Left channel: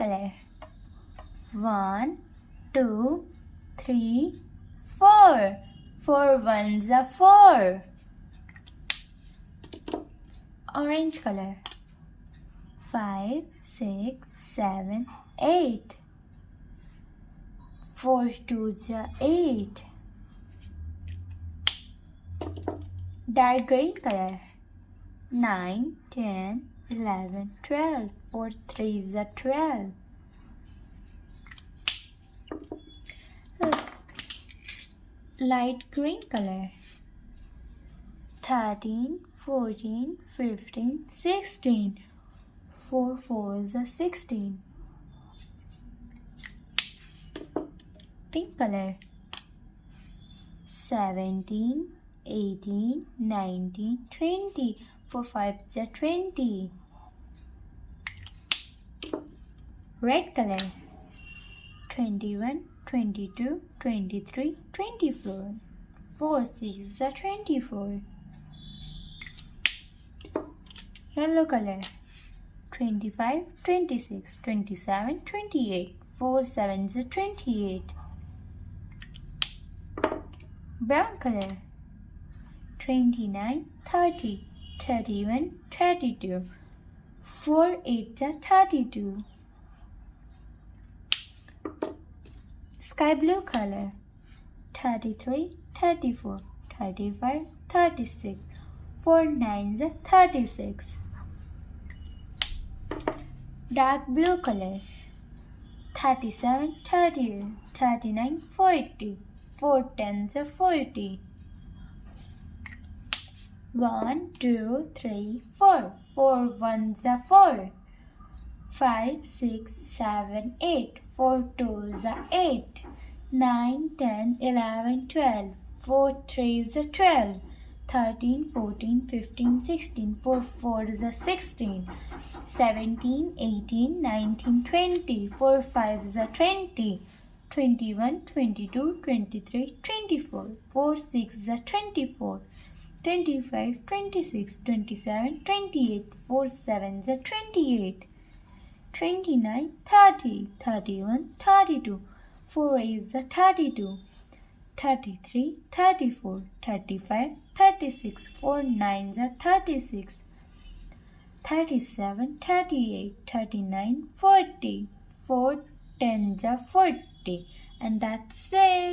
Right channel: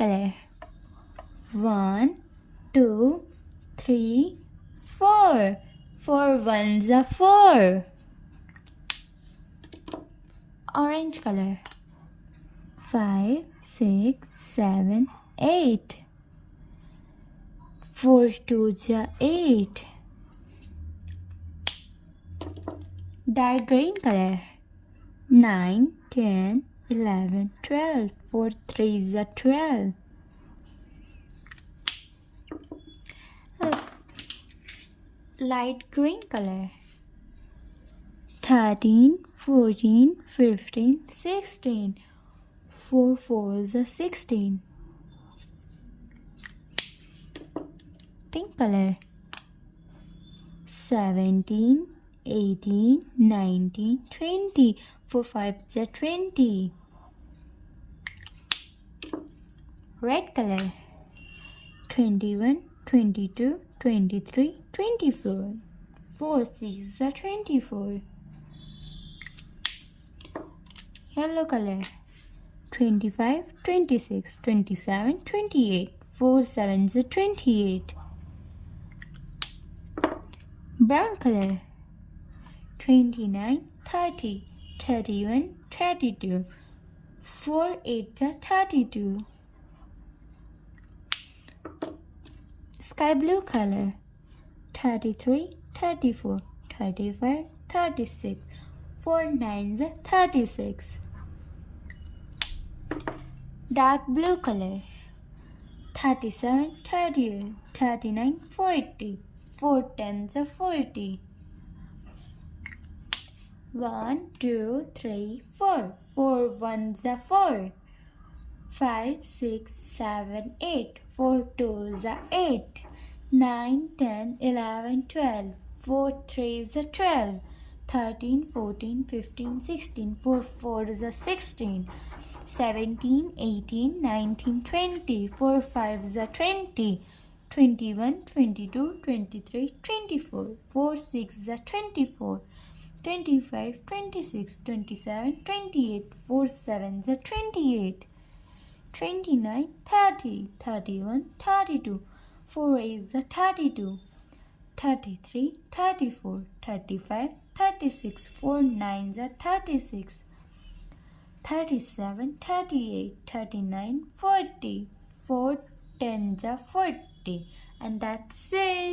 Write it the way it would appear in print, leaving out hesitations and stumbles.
color. 1, 2, 3, 4. 4 ones are 4. Orange color. 5, 6, 7, 8. 4 twos are 8. Dark green color. 9, 10, 11, 12. 4 threes are 12. Light green color. 13, 14, 15, 16. 4 fours are 16. Pink color. 17, 18, 19, 20. 4 fives are 20. Red color. 21, 22, 23, 24. 4 sixes are 24. Yellow color. 25, 26, 27, 28. 4 sevens are 28. Brown color. 29, 30, 31, 32. 4 eights are 32. Sky blue color. 33, 34, 35, 36. 4 nines are 36. Dark blue color. 37, 38, 39, 40. 4 tens are 40. 1, 2, 3, 4. 4 ones are 4. 5, 6, 7, 8. 4 twos are 8. 9, 10, 11, 12. 4 threes are 12. 13, 14, 15, 16. 4 fours are 16. 17, 18, 19, 20. 4 fives are 20. 21, 22, 23, 24. 4 sixes are 24. 25, 26, 27, 28. 4 sevens are 28. 29, 30, 31, 32. 4 eights are 32. 33, 34, 35, 36. 4 nines are 36. 37, 38, 39, 40. 4 tens are 40. And that's it.